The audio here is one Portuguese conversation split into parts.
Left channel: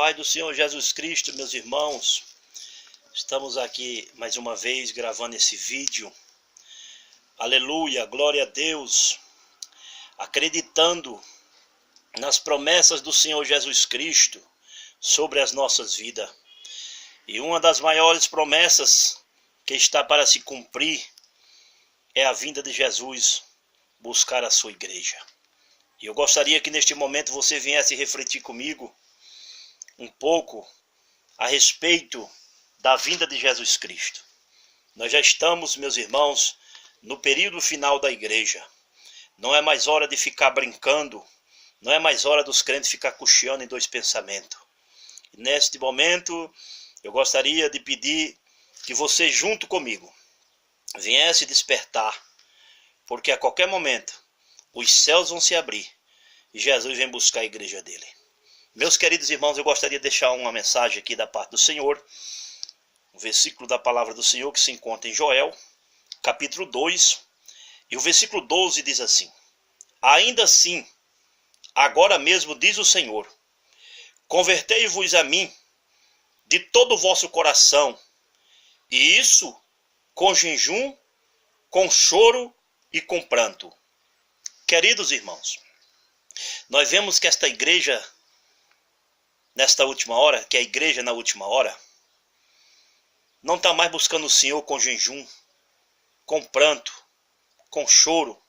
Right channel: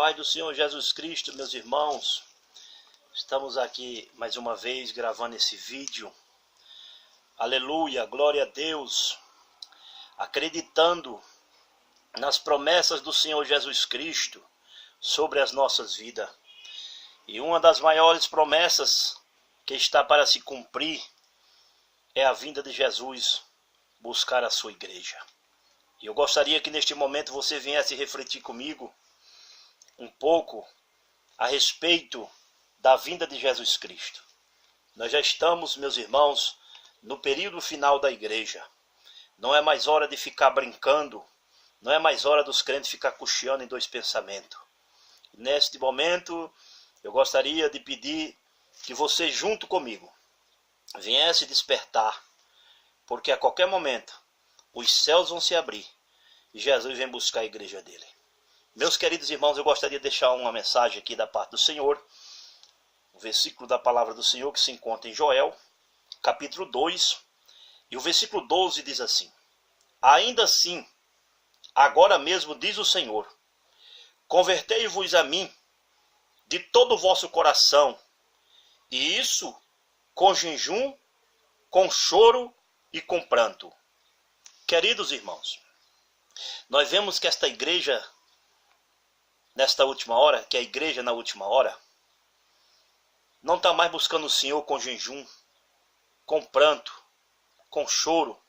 paz do Senhor Jesus Cristo, meus irmãos. Estamos aqui mais uma vez gravando esse vídeo. Aleluia, glória a Deus. Acreditando nas promessas do Senhor Jesus Cristo sobre as nossas vidas. E uma das maiores promessas que está para se cumprir é a vinda de Jesus buscar a sua igreja. E eu gostaria que neste momento você viesse refletir comigo um pouco a respeito da vinda de Jesus Cristo. Nós já estamos, meus irmãos, no período final da igreja. Não é mais hora de ficar brincando, não é mais hora dos crentes ficar cocheando em dois pensamentos. E neste momento, eu gostaria de pedir que você, junto comigo, viesse despertar, porque a qualquer momento os céus vão se abrir e Jesus vem buscar a igreja dele. Meus queridos irmãos, eu gostaria de deixar uma mensagem aqui da parte do Senhor, um versículo da palavra do Senhor que se encontra em Joel, capítulo 2, e o versículo 12 diz assim: ainda assim, agora mesmo diz o Senhor, convertei-vos a mim de todo o vosso coração, e isso com jejum, com choro e com pranto. Queridos irmãos, nós vemos que esta igreja, nesta última hora, que é a igreja na última hora, não está mais buscando o Senhor com jejum, com pranto, com choro.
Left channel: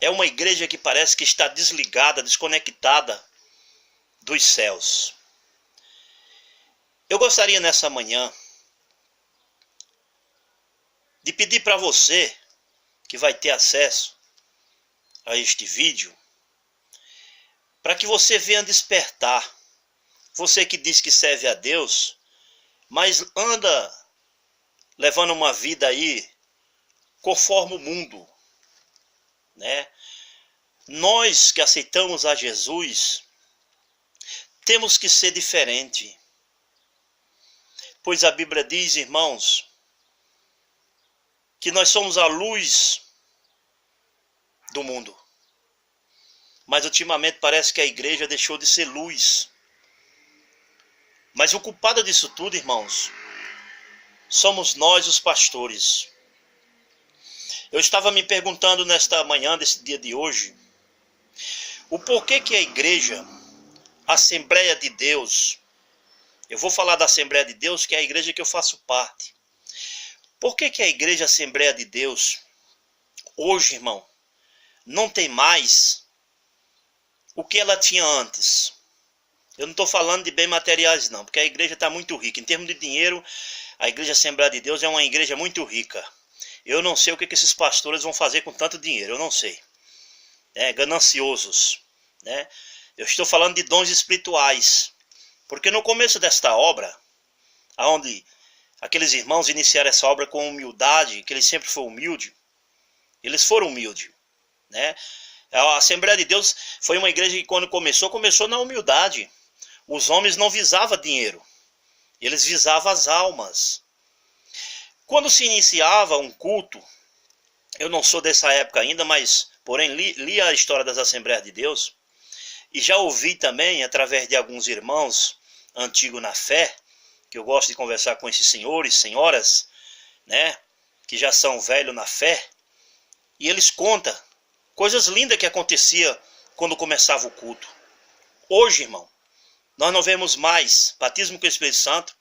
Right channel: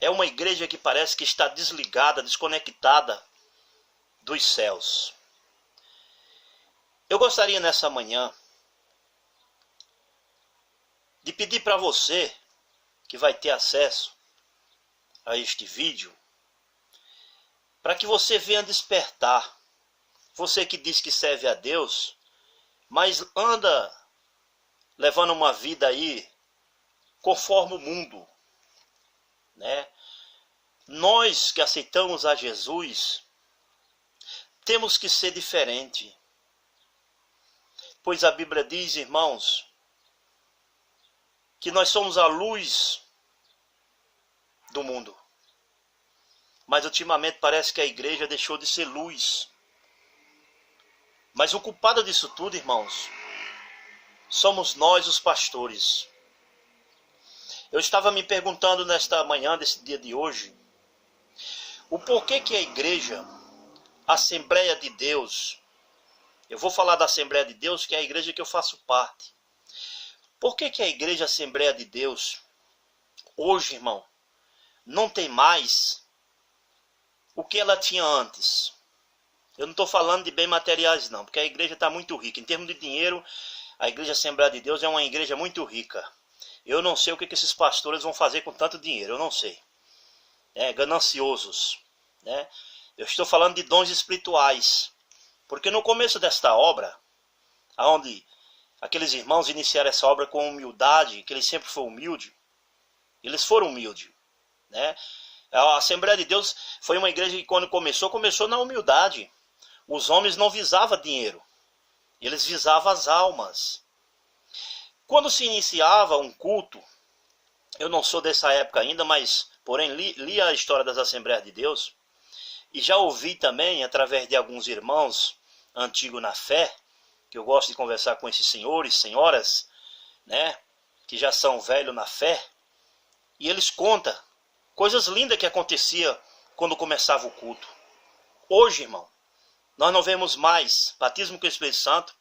É uma igreja que parece que está desligada, desconectada dos céus. Eu gostaria nessa manhã de pedir para você, que vai ter acesso a este vídeo, para que você venha despertar. Você que diz que serve a Deus, mas anda levando uma vida aí conforme o mundo, né? Nós que aceitamos a Jesus, temos que ser diferente. Pois a Bíblia diz, irmãos, que nós somos a luz do mundo. Mas ultimamente parece que a igreja deixou de ser luz. Mas o culpado disso tudo, irmãos, somos nós os pastores. Eu estava me perguntando nesta manhã, desse dia de hoje, o porquê que a igreja, a Assembleia de Deus, eu vou falar da Assembleia de Deus, que é a igreja que eu faço parte. Por que que a igreja Assembleia de Deus, hoje, irmão, não tem mais o que ela tinha antes? Eu não estou falando de bens materiais não, porque a igreja está muito rica. Em termos de dinheiro, a igreja Assembleia de Deus é uma igreja muito rica. Eu não sei o que esses pastores vão fazer com tanto dinheiro, eu não sei. Gananciosos, né? Eu estou falando de dons espirituais. Porque no começo desta obra, onde aqueles irmãos iniciaram essa obra com humildade, que eles sempre foram humildes, eles foram humildes, né? A Assembleia de Deus foi uma igreja que quando começou na humildade. Os homens não visavam dinheiro, eles visavam as almas. Quando se iniciava um culto, eu não sou dessa época ainda, mas porém li a história das Assembleias de Deus, e já ouvi também, através de alguns irmãos antigos na fé, que eu gosto de conversar com esses senhores, senhoras, né, que já são velhos na fé, e eles contam coisas lindas que acontecia quando começava o culto. Hoje, irmão, nós não vemos mais batismo com o Espírito Santo,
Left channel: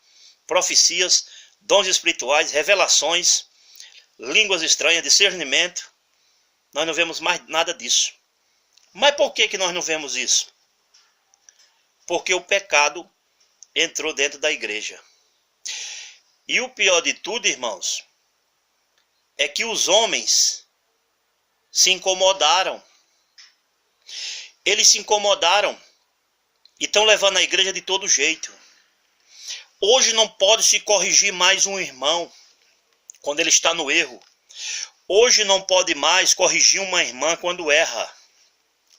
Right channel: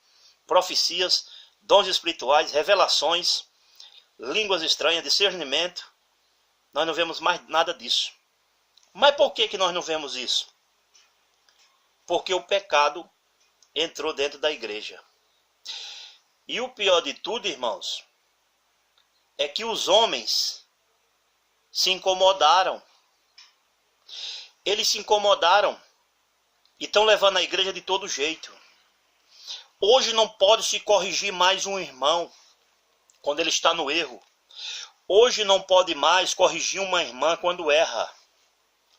profecias, dons espirituais, revelações, línguas estranhas, discernimento. Nós não vemos mais nada disso. Mas por que nós não vemos isso? Porque o pecado entrou dentro da igreja. E o pior de tudo, irmãos, é que os homens se incomodaram. Eles se incomodaram e estão levando a igreja de todo jeito. Hoje não pode se corrigir mais um irmão quando ele está no erro. Hoje não pode mais corrigir uma irmã quando erra.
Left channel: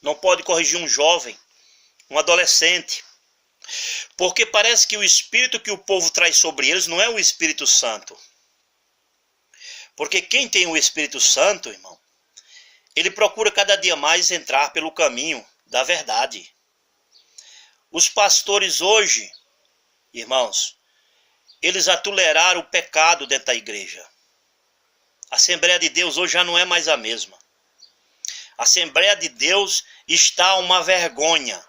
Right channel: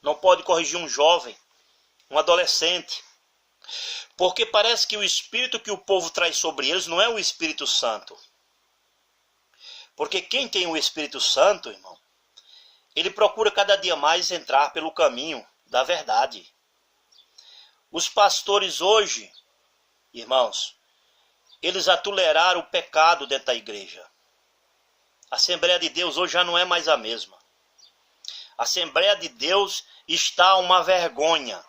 Não pode corrigir um jovem, um adolescente. Porque parece que o espírito que o povo traz sobre eles não é o Espírito Santo. Porque quem tem o Espírito Santo, irmão, ele procura cada dia mais entrar pelo caminho da verdade. Os pastores hoje, irmãos, eles atoleraram o pecado dentro da igreja. A Assembleia de Deus hoje já não é mais a mesma. A Assembleia de Deus está uma vergonha.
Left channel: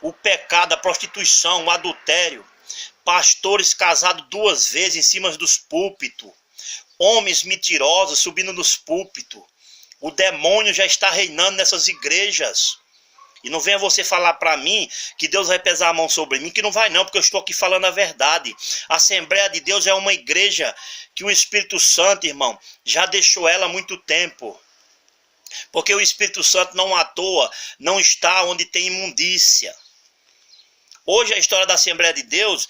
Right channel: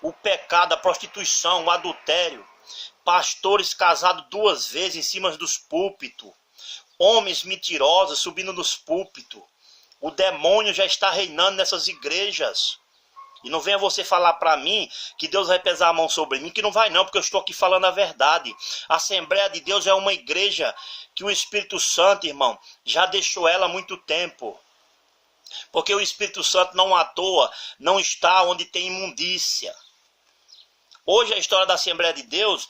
O pecado, a prostituição, o adultério, pastores casados 2 vezes em cima dos púlpitos, homens mentirosos subindo nos púlpitos. O demônio já está reinando nessas igrejas. E não venha você falar para mim que Deus vai pesar a mão sobre mim, que não vai não, porque eu estou aqui falando a verdade. A Assembleia de Deus é uma igreja que o Espírito Santo, irmão, já deixou ela há muito tempo. Porque o Espírito Santo não à toa, não está onde tem imundícia. Hoje a história da Assembleia de Deus,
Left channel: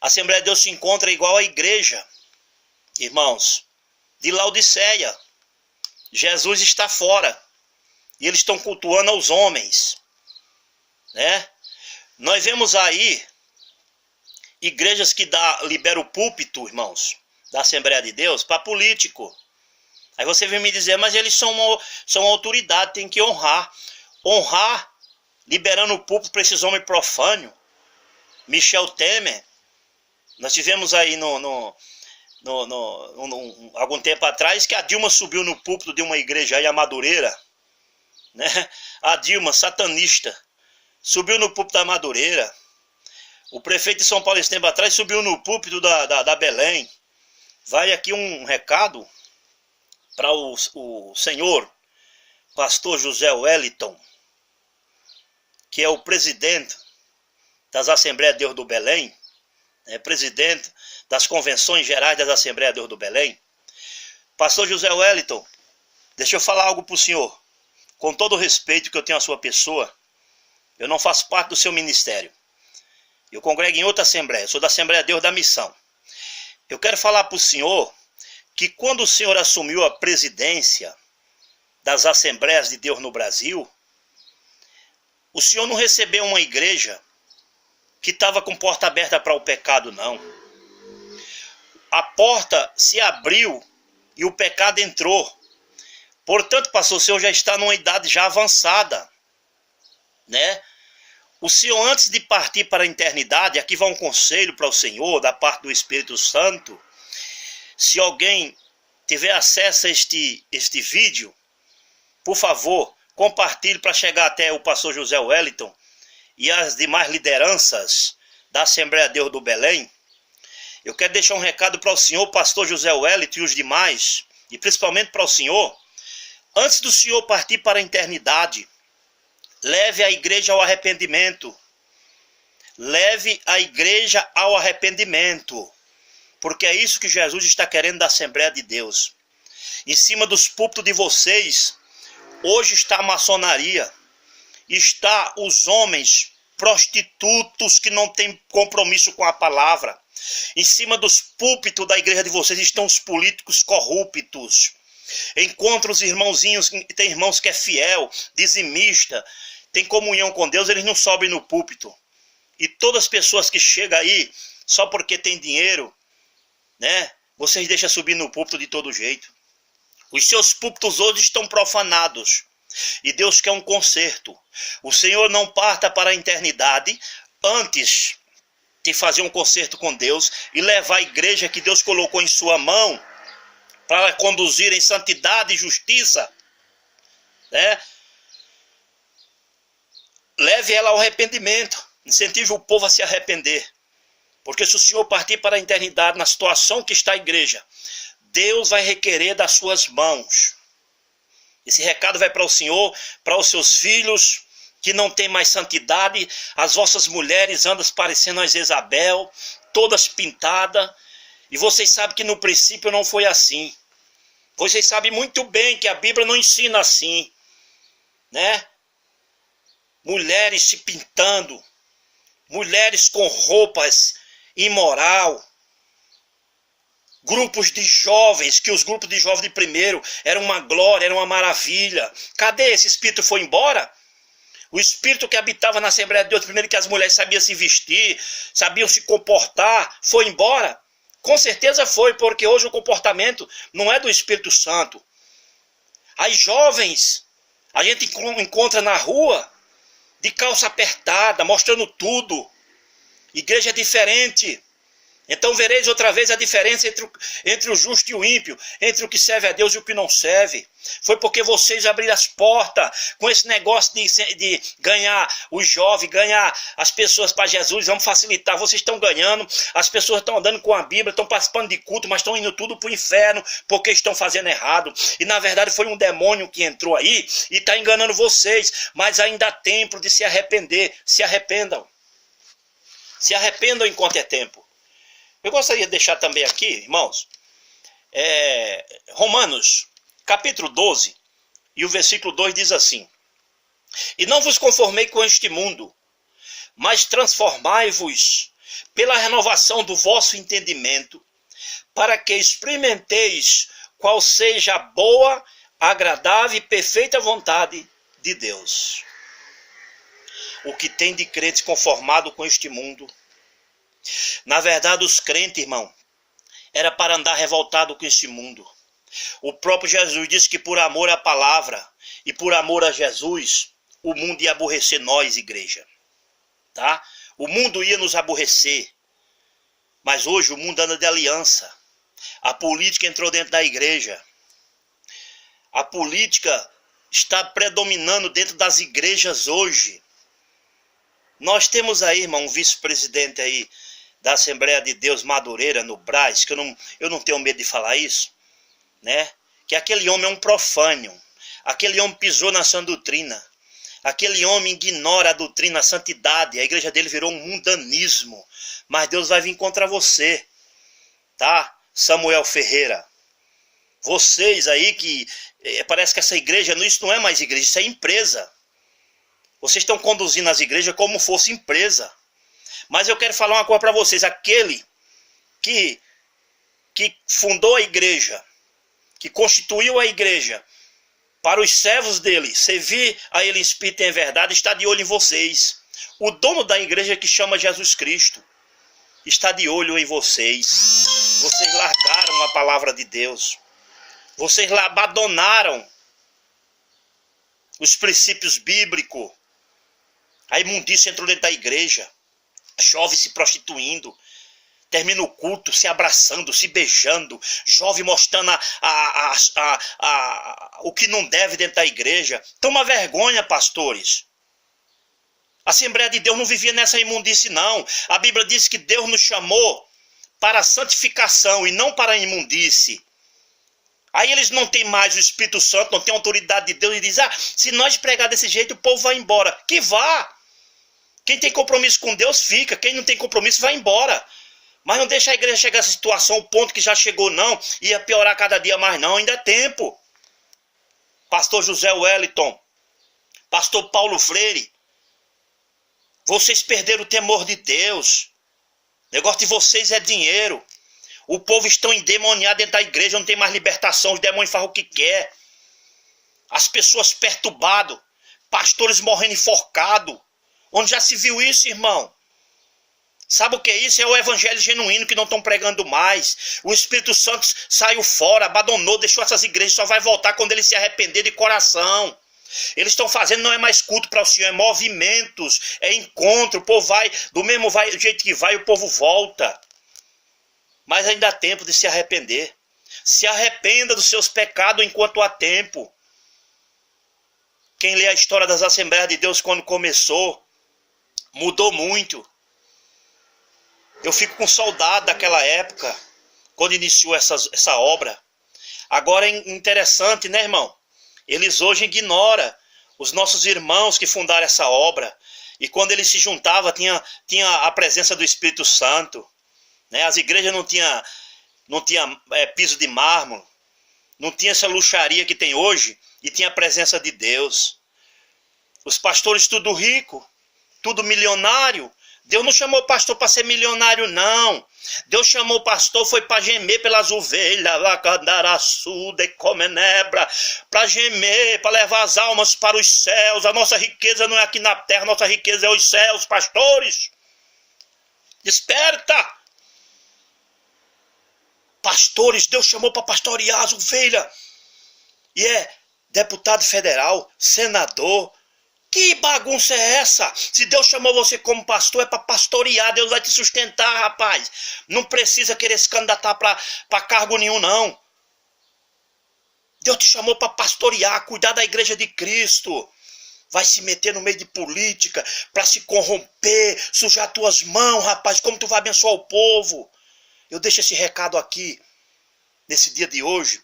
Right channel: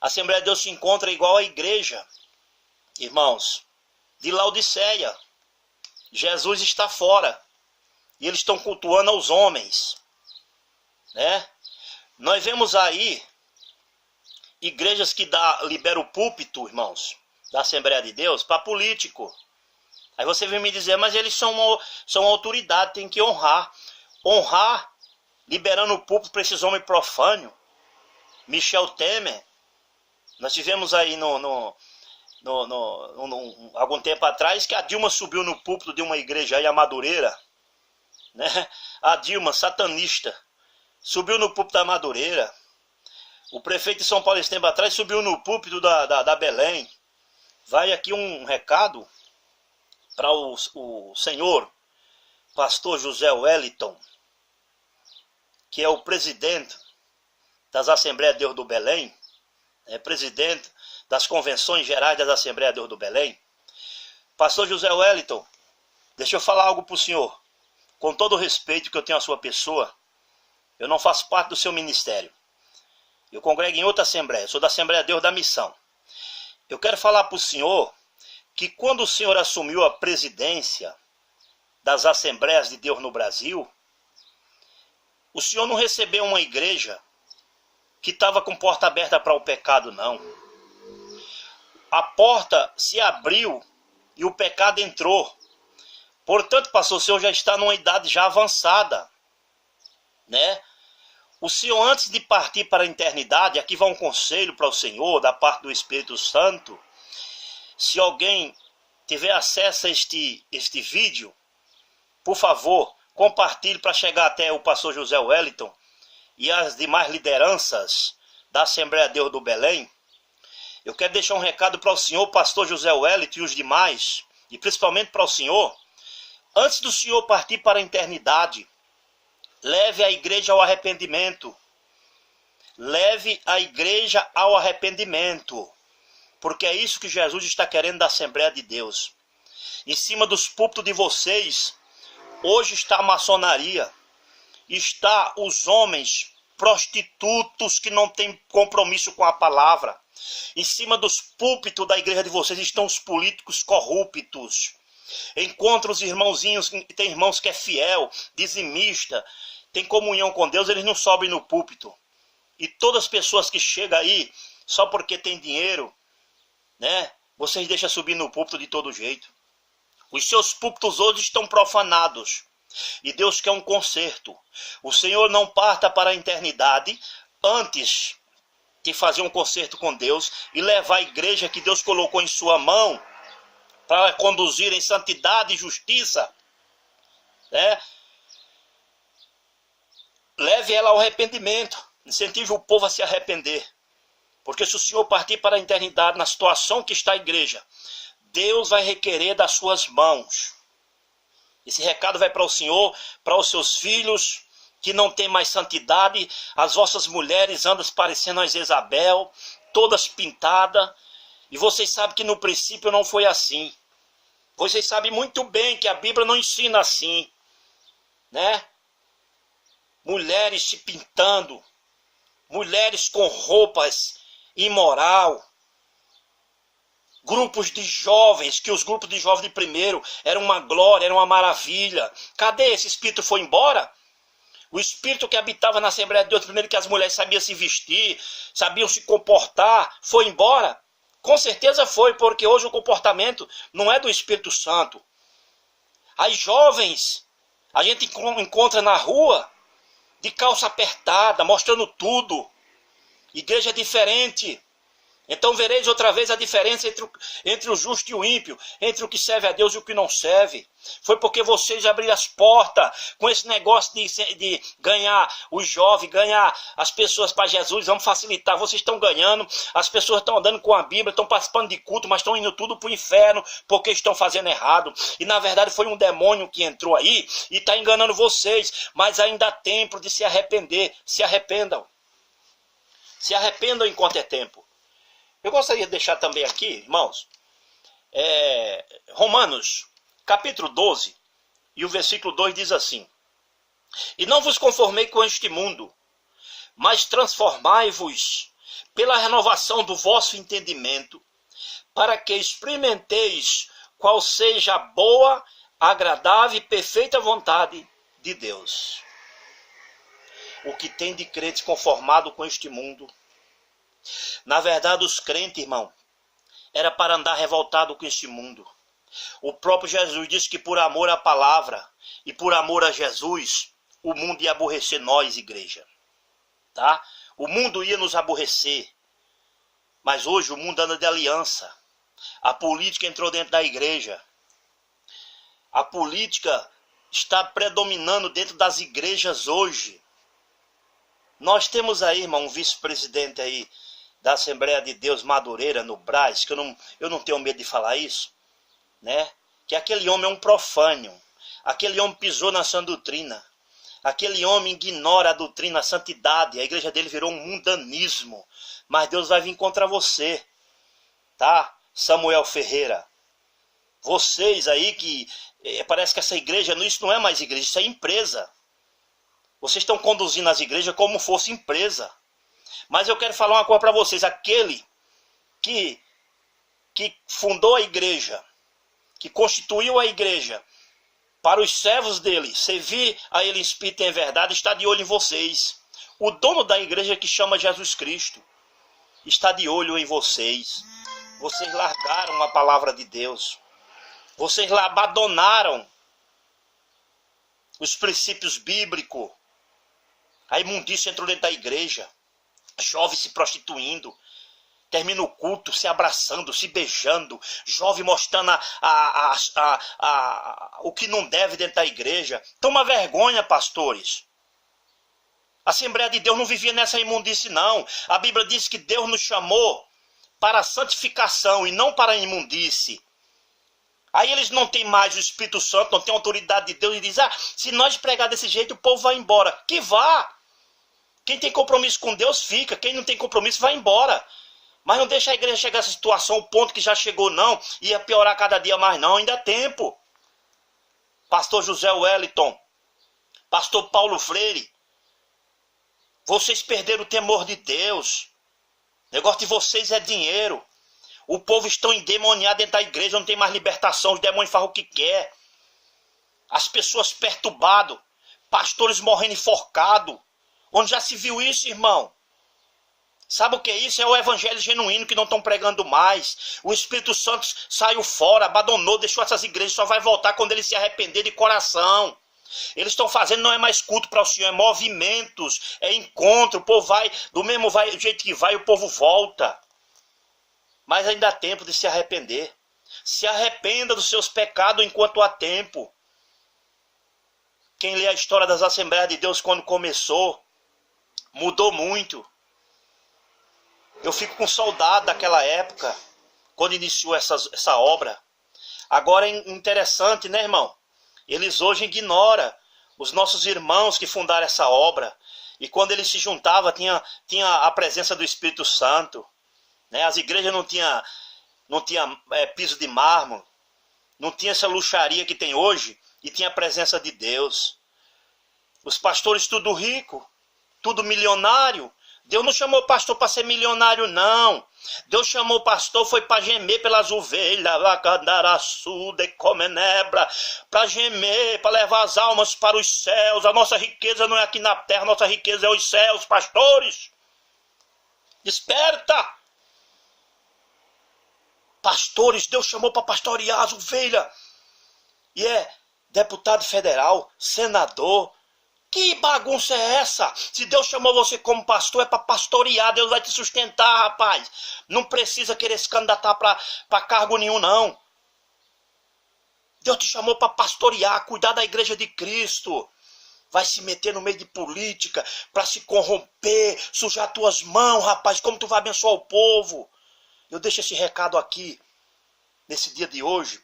a Assembleia de Deus se encontra igual à igreja, irmãos, de Laodiceia. Jesus está fora. E eles estão cultuando aos homens. Né? Nós vemos aí igrejas que liberam o púlpito, irmãos, da Assembleia de Deus, para político. Aí você vem me dizer, mas eles são autoridade, tem que honrar. Honrar, liberando o púlpito para esses homens profanos. Michel Temer, nós tivemos aí algum tempo atrás que a Dilma subiu no púlpito de uma igreja aí, a Madureira, né? A Dilma, satanista, subiu no púlpito da Madureira. O prefeito de São Paulo esse tempo atrás subiu no púlpito da Belém. Vai aqui um recado para o senhor pastor José Wellington, que é o presidente das Assembleias de Deus do Belém, presidente das Convenções Gerais das Assembleias de Deus do Belém. Pastor José Wellington, deixa eu falar algo para o senhor. Com todo o respeito que eu tenho à sua pessoa, eu não faço parte do seu ministério. Eu congrego em outra Assembleia, eu sou da Assembleia de Deus da Missão. Eu quero falar para o senhor que quando o senhor assumiu a presidência das Assembleias de Deus no Brasil, o senhor não recebeu uma igreja que estava com porta aberta para o pecado, não. A porta se abriu e o pecado entrou. Portanto, pastor, o senhor já está numa idade já avançada, né? O senhor, antes de partir para a eternidade, aqui vai um conselho para o senhor, da parte do Espírito Santo. Se alguém tiver acesso a este vídeo, por favor, compartilhe para chegar até o pastor José Wellington e as demais lideranças da Assembleia de Deus do Belém. Eu quero deixar um recado para o senhor, pastor José Wellington e os demais, e principalmente para o senhor. Antes do senhor partir para a eternidade, leve a igreja ao arrependimento. Leve a igreja ao arrependimento. Porque é isso que Jesus está querendo da Assembleia de Deus. Em cima dos púlpitos de vocês, hoje está a maçonaria. Está os homens prostitutos que não têm compromisso com a palavra. Em cima dos púlpitos da igreja de vocês estão os políticos corruptos. Encontra os irmãozinhos, tem irmãos que é fiel, dizimista, tem comunhão com Deus, eles não sobem no púlpito. E todas as pessoas que chegam aí, só porque tem dinheiro, né? Vocês deixam subir no púlpito de todo jeito. Os seus púlpitos hoje estão profanados. E Deus quer um conserto. O Senhor não parta para a eternidade antes de fazer um conserto com Deus e levar a igreja que Deus colocou em sua mão para conduzir em santidade e justiça, né? Leve ela ao arrependimento. Incentive o povo a se arrepender. Porque se o Senhor partir para a eternidade na situação que está a igreja, Deus vai requerer das suas mãos. Esse recado vai para o Senhor, para os seus filhos que não têm mais santidade. As vossas mulheres andam parecendo a Jezabel, todas pintadas. E vocês sabem que no princípio não foi assim. Vocês sabem muito bem que a Bíblia não ensina assim, né? Mulheres se pintando, mulheres com roupas imoral, grupos de jovens, que os grupos de jovens de primeiro eram uma glória, era uma maravilha. Cadê esse espírito? Foi embora? O espírito que habitava na Assembleia de Deus, primeiro que as mulheres sabiam se vestir, sabiam se comportar, foi embora? Com certeza foi, porque hoje o comportamento não é do Espírito Santo. As jovens, a gente encontra na rua, de calça apertada, mostrando tudo. Igreja é diferente. Então vereis outra vez a diferença entre o justo e o ímpio, entre o que serve a Deus e o que não serve. Foi porque vocês abriram as portas com esse negócio de ganhar os jovens, ganhar as pessoas para Jesus, vamos facilitar. Vocês estão ganhando, as pessoas estão andando com a Bíblia, estão participando de culto, mas estão indo tudo para o inferno porque estão fazendo errado. E na verdade foi um demônio que entrou aí e está enganando vocês, mas ainda há tempo de se arrepender. Se arrependam. Se arrependam enquanto é tempo. Eu gostaria de deixar também aqui, irmãos, Romanos, capítulo 12, e o versículo 2 diz assim: E não vos conformei com este mundo, mas transformai-vos pela renovação do vosso entendimento, para que experimenteis qual seja a boa, agradável e perfeita vontade de Deus. O que tem de crentes conformado com este mundo? Na verdade, os crentes, irmão, era para andar revoltado com este mundo. O próprio Jesus disse que por amor à palavra e por amor a Jesus, o mundo ia aborrecer nós, igreja. Tá? O mundo ia nos aborrecer. Mas hoje o mundo anda de aliança. A política entrou dentro da igreja. A política está predominando dentro das igrejas hoje. Nós temos aí, irmão, um vice-presidente aí da Assembleia de Deus Madureira, no Brás, que eu não tenho medo de falar isso, né? Que aquele homem é um profano, aquele homem pisou na sã doutrina, aquele homem ignora a doutrina, a santidade, a igreja dele virou um mundanismo, mas Deus vai vir contra você, tá? Samuel Ferreira, vocês aí que, parece que essa igreja, isso não é mais igreja, isso é empresa, vocês estão conduzindo as igrejas como fosse empresa. Mas eu quero falar uma coisa para vocês. Aquele que fundou a igreja, que constituiu a igreja para os servos dele, servir a ele em espírito e em verdade, está de olho em vocês. O dono da igreja, que chama Jesus Cristo, está de olho em vocês. Vocês largaram a palavra de Deus. Vocês abandonaram os princípios bíblicos. A imundícia entrou dentro da igreja. Jovem se prostituindo, termina o culto se abraçando, se beijando, jovem mostrando o que não deve dentro da igreja. Toma vergonha, pastores. A Assembleia de Deus não vivia nessa imundície, não. A Bíblia diz que Deus nos chamou para a santificação e não para a imundície. Aí eles não têm mais o Espírito Santo, não têm a autoridade de Deus e dizem, se nós pregar desse jeito, o povo vai embora. Que vá! Quem tem compromisso com Deus fica, quem não tem compromisso vai embora. Mas não deixa a igreja chegar a essa situação, o ponto que já chegou não, ia piorar cada dia mais não, ainda é tempo. Pastor José Wellington, Pastor Paulo Freire, vocês perderam o temor de Deus. O negócio de vocês é dinheiro. O povo está endemoniado dentro da igreja, não tem mais libertação, os demônios fazem o que quer. As pessoas perturbadas, pastores morrendo enforcados. Onde já se viu isso, irmão? Sabe o que é isso? É o evangelho genuíno que não estão pregando mais. O Espírito Santo saiu fora, abandonou, deixou essas igrejas, só vai voltar quando ele se arrepender de coração. Eles estão fazendo, não é mais culto para o Senhor, é movimentos, é encontro, o povo vai, do jeito que vai, o povo volta. Mas ainda há tempo de se arrepender. Se arrependa dos seus pecados enquanto há tempo. Quem lê a história das Assembleias de Deus quando começou, mudou muito. Eu fico com saudade daquela época, quando iniciou essa obra. Agora é interessante, né, irmão? Eles hoje ignoram os nossos irmãos que fundaram essa obra. E quando eles se juntavam, tinha a presença do Espírito Santo. Né? As igrejas não tinha piso de mármore, não tinha essa luxaria que tem hoje, e tinha a presença de Deus. Os pastores tudo rico, tudo milionário. Deus não chamou o pastor para ser milionário, não. Deus chamou o pastor, foi para gemer pelas ovelhas, para gemer, para levar as almas para os céus. A nossa riqueza não é aqui na terra, a nossa riqueza é os céus, pastores. Desperta! Pastores, Deus chamou para pastorear as ovelhas. E é deputado federal, senador, Que bagunça é essa? Se Deus chamou você como pastor, é para pastorear. Deus vai te sustentar, rapaz. Não precisa querer se candidatar para cargo nenhum, não. Deus te chamou para pastorear, cuidar da igreja de Cristo. Vai se meter no meio de política para se corromper, sujar tuas mãos, rapaz. Como tu vai abençoar o povo? Eu deixo esse recado aqui, nesse dia de hoje,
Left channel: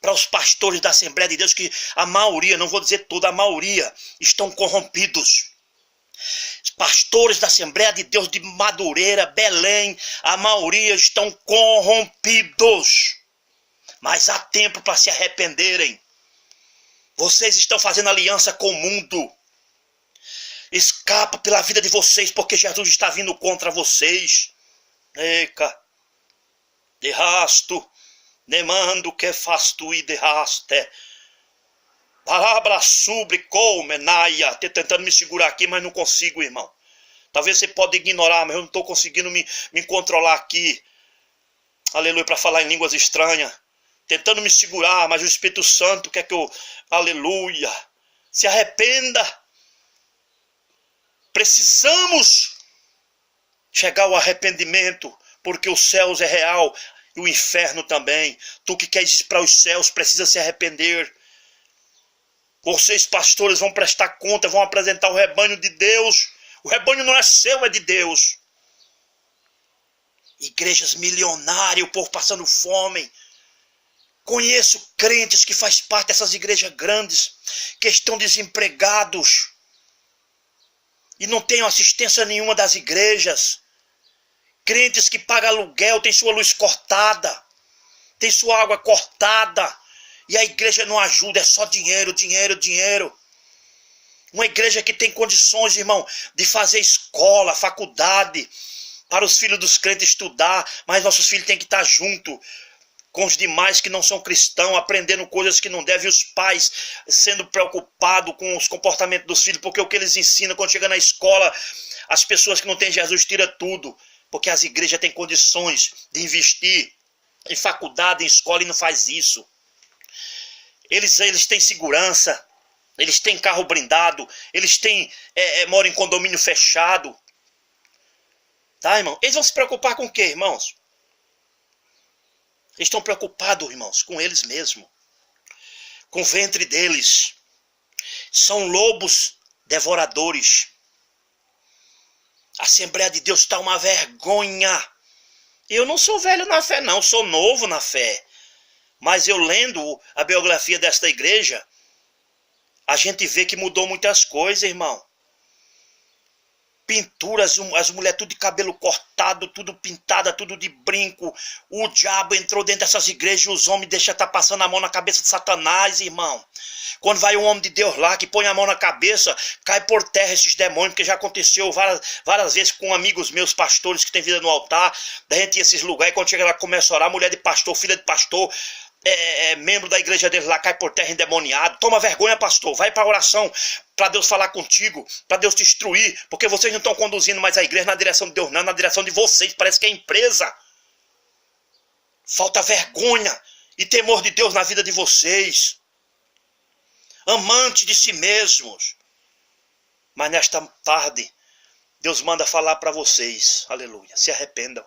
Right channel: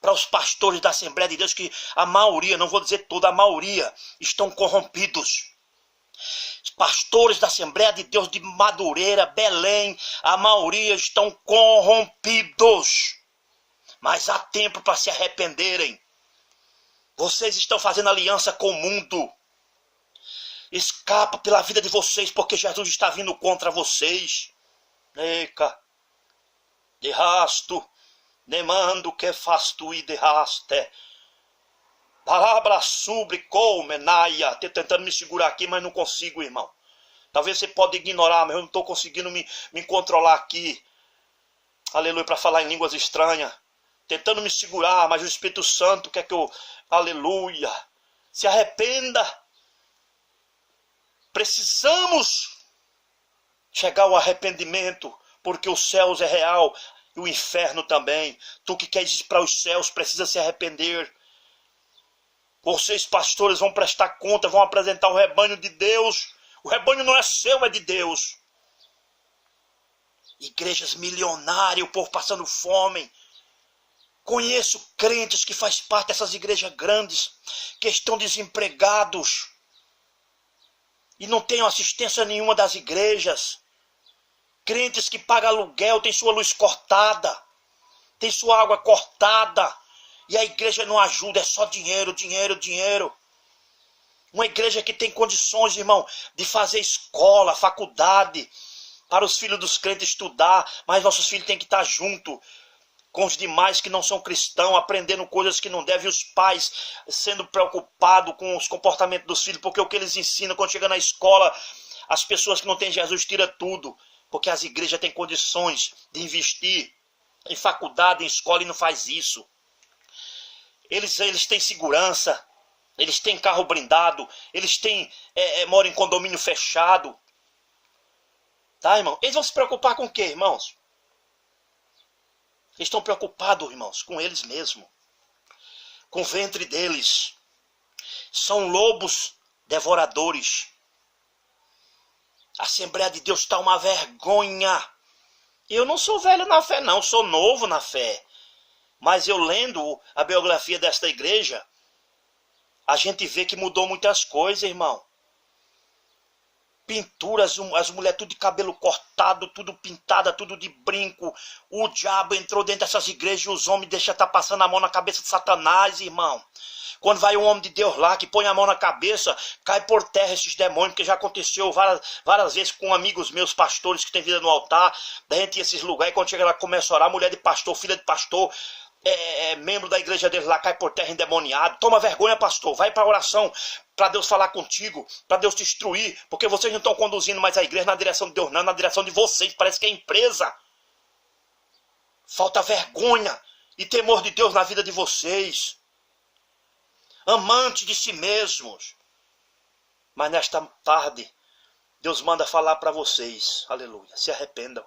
para os pastores da Assembleia de Deus, que a maioria, não vou dizer toda, a maioria estão corrompidos. Os pastores da Assembleia de Deus de Madureira, Belém, a maioria estão corrompidos. Mas há tempo para se arrependerem. Vocês estão fazendo aliança com o mundo. Escapa pela vida de vocês, porque Jesus está vindo contra vocês. Eca, de rasto, nemando que faz tu e de raste. Palavra sobre comenaia. Estou tentando me segurar aqui, mas não consigo, irmão. Talvez você pode ignorar, mas eu não estou conseguindo me controlar aqui. Aleluia, para falar em línguas estranhas. Tentando me segurar, mas o Espírito Santo quer que eu... Aleluia. Se arrependa. Precisamos chegar ao arrependimento, porque os céus é real e o inferno também. Tu que queres ir para os céus precisa se arrepender. Vocês, pastores, vão prestar conta, vão apresentar o rebanho de Deus. O rebanho não é seu, é de Deus. Igrejas milionárias, o povo passando fome. Conheço crentes que fazem parte dessas igrejas grandes, que estão desempregados e não têm assistência nenhuma das igrejas. Crentes que pagam aluguel, têm sua luz cortada, têm sua água cortada, e a igreja não ajuda, é só dinheiro, dinheiro, dinheiro. Uma igreja que tem condições, irmão, de fazer escola, faculdade, para os filhos dos crentes estudar, mas nossos filhos têm que estar junto com os demais que não são cristãos, aprendendo coisas que não devem, os pais sendo preocupados com os comportamentos dos filhos, porque o que eles ensinam quando chega na escola, as pessoas que não têm Jesus tiram tudo, porque as igrejas têm condições de investir em faculdade, em escola, e não faz isso. Eles têm segurança, eles têm carro blindado, eles têm moram em condomínio fechado. Tá, irmão? Eles vão se preocupar com o quê, irmãos? Eles estão preocupados, irmãos, com eles mesmos, com o ventre deles. São lobos devoradores. A Assembleia de Deus está uma vergonha. Eu não sou velho na fé, não, sou novo na fé. Mas eu lendo a biografia desta igreja, a gente vê que mudou muitas coisas, irmão. Pinturas, as mulheres tudo de cabelo cortado, tudo pintada, tudo de brinco. O diabo entrou dentro dessas igrejas e os homens deixam estar passando a mão na cabeça de Satanás, irmão. Quando vai um homem de Deus lá, que põe a mão na cabeça, cai por terra esses demônios, porque já aconteceu várias vezes com amigos meus, pastores, que têm vida no altar. Da gente ir a esses lugares, e quando chega lá, começa a orar, mulher de pastor, filha de pastor, membro da igreja deles lá, cai por terra endemoniado. Toma vergonha, pastor, vai para a oração, para Deus falar contigo, para Deus te instruir, porque vocês não estão conduzindo mais a igreja na direção de Deus, não, na direção de vocês, parece que é empresa. Falta vergonha e temor de Deus na vida de vocês. Amantes de si mesmos. Mas nesta tarde, Deus manda falar para vocês, aleluia, se arrependam.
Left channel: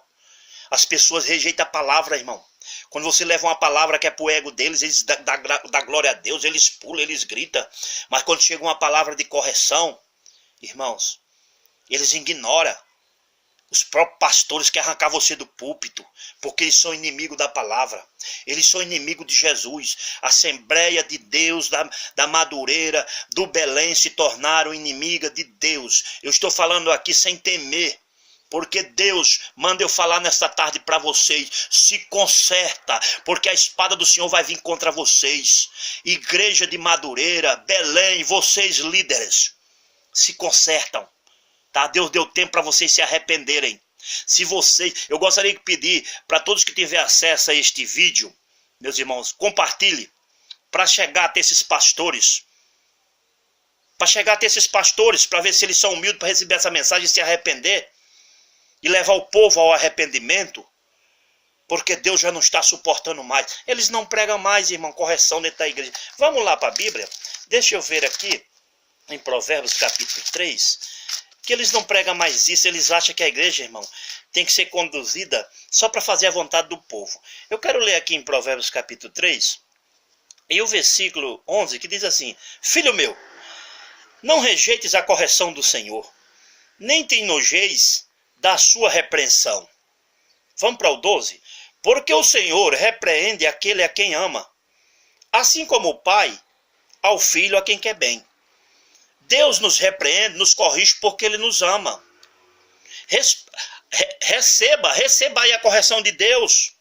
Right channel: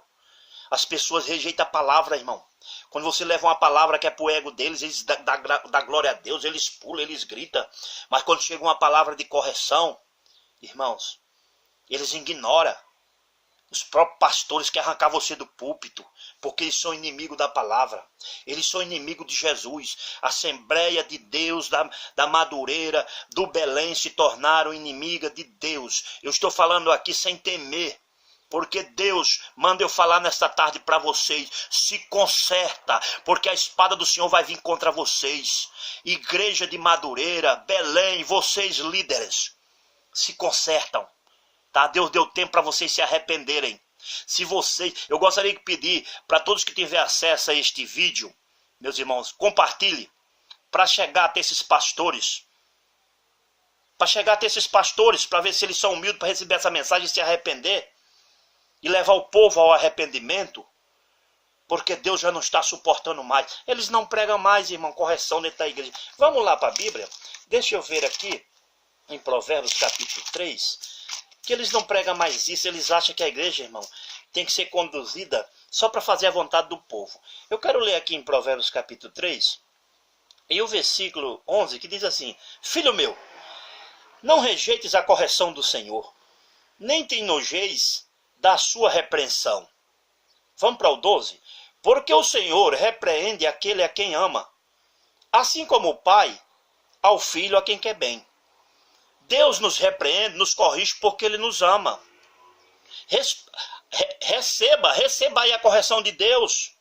As pessoas rejeitam a palavra, irmão. Quando você leva uma palavra que é para o ego deles, eles dão glória a Deus, eles pulam, eles gritam. Mas quando chega uma palavra de correção, irmãos, eles ignoram. Os próprios pastores querem arrancar você do púlpito, porque eles são inimigos da palavra. Eles são inimigos de Jesus. A Assembleia de Deus da Madureira, do Belém, se tornaram inimiga de Deus. Eu estou falando aqui sem temer. Porque Deus manda eu falar nesta tarde para vocês, se conserta, porque a espada do Senhor vai vir contra vocês. Igreja de Madureira, Belém, vocês líderes, se consertam, tá? Deus deu tempo para vocês se arrependerem. Se vocês, eu gostaria de pedir para todos que tiverem acesso a este vídeo, meus irmãos, compartilhe, para chegar até esses pastores. Para chegar até esses pastores, para ver se eles são humildes para receber essa mensagem e se arrepender. E levar o povo ao arrependimento, porque Deus já não está suportando mais. Eles não pregam mais, irmão, correção dentro da igreja. Vamos lá para a Bíblia. Deixa eu ver aqui, em Provérbios capítulo 3, que eles não pregam mais isso, eles acham que a igreja, irmão, tem que ser conduzida só para fazer a vontade do povo. Eu quero ler aqui em Provérbios capítulo 3, e o versículo 11, que diz assim: Filho meu, não rejeites a correção do Senhor, nem te enojeis da sua repreensão. Vamos para o 12. Porque o Senhor repreende aquele a quem ama, assim como o pai ao filho a quem quer bem. Deus nos repreende, nos corrige porque Ele nos ama. Receba aí a correção de Deus.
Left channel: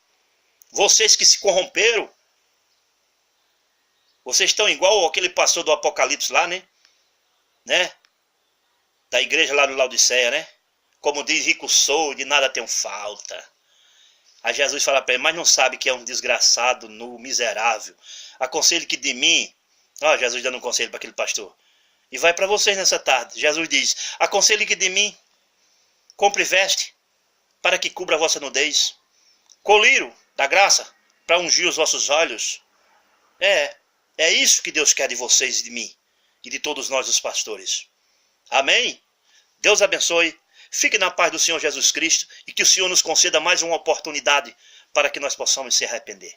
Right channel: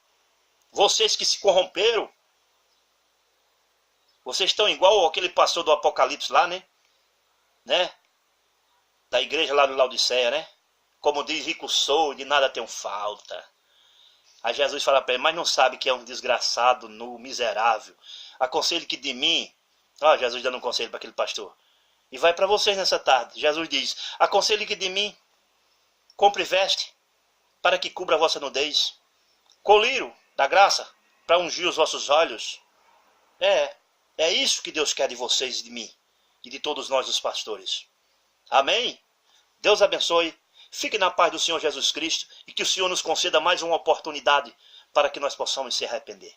Vocês que se corromperam, vocês estão igual aquele pastor do Apocalipse lá, né? Da igreja lá do Laodiceia, né? Como diz, rico sou, de nada tenho falta. Aí Jesus fala para ele: mas não sabe que é um desgraçado, nu, miserável. Aconselho que de mim... Ó, Jesus dando um conselho para aquele pastor. E vai para vocês nessa tarde. Jesus diz: aconselho que de mim, compre veste, para que cubra a vossa nudez. Colírio da graça, para ungir os vossos olhos. É isso que Deus quer de vocês e de mim. E de todos nós, os pastores. Amém? Deus abençoe. Fique na paz do Senhor Jesus Cristo. E que o Senhor nos conceda mais uma oportunidade para que nós possamos se arrepender.